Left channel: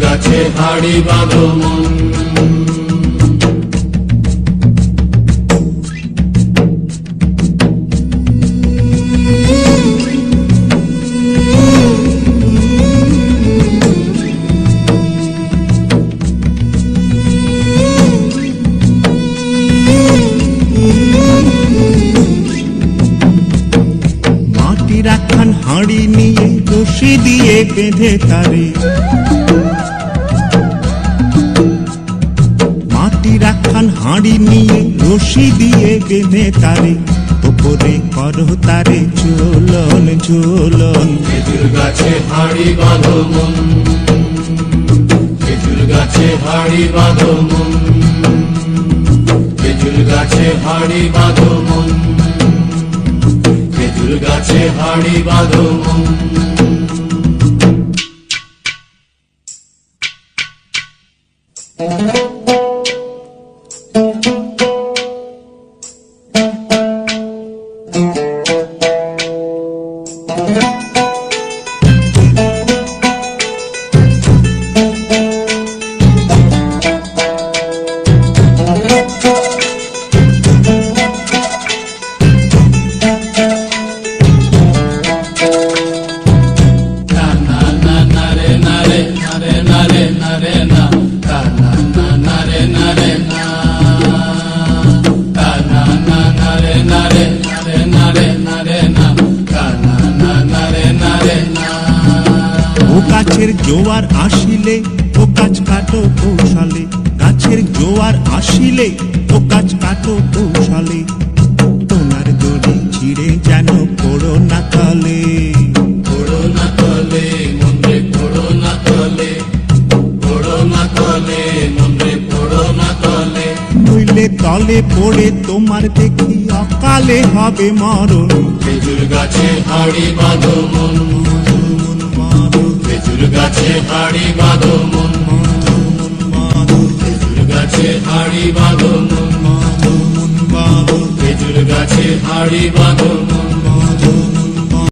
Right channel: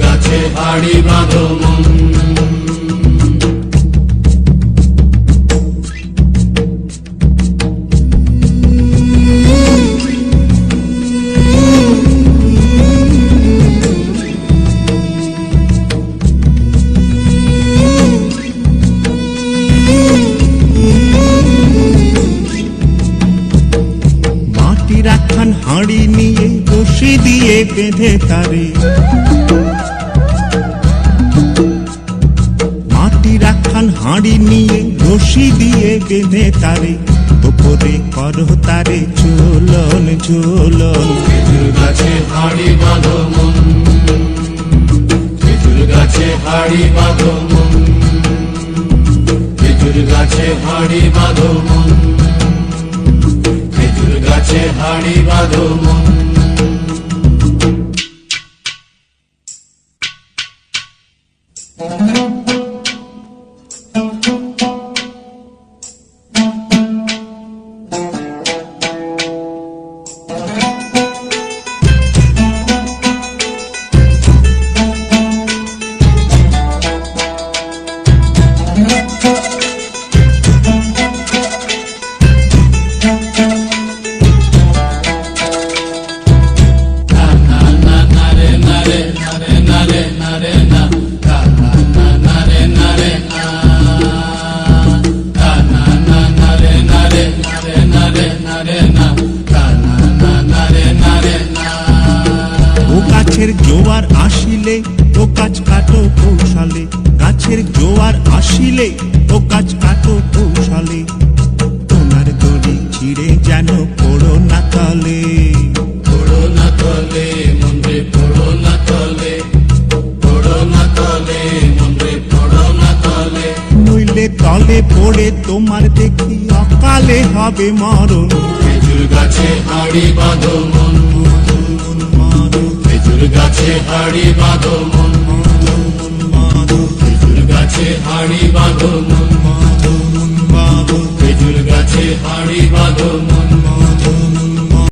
গাছে হাড়ি বাঁধো। মন একখান হাঁড়ি নিয়ে রশি দিয়ে বেঁধে তারে। একখান নিয়ে রশি দিয়ে বেঁধে তারে। ওপরে করো তারে ঝোলন খেজুর গাছে হাড়ি বাঁধো গাছে হাড়ি বাঁধো গাছে হাড়ি বাঁধো গাছে হাড়ি বাঁধো মন। ও গাছের জোয়ার আসিলে ও গাছ কাটো কৌশলে। গাছের জোয়ার আসিলে ও গাছ কাটো কৌশলে। তোমার দড়ি ছিঁড়ে যেন পড়ো না তলে। পড়ো না তলে মন্দিরে পড়ো না তলে। পড়ো না তলে মন্দিরে পড়ো না তলে। নইলে তলে পড়ে তোমার দেখি অকালে হবে মরণ। খেজুর গাছে হাড়ি বাঁধো মন। গাছে হাড়ি বাঁধো মন খেজুর গাছে হাড়ি বাঁধো মন খেজুর গাছে হাড়ি বাঁধো মন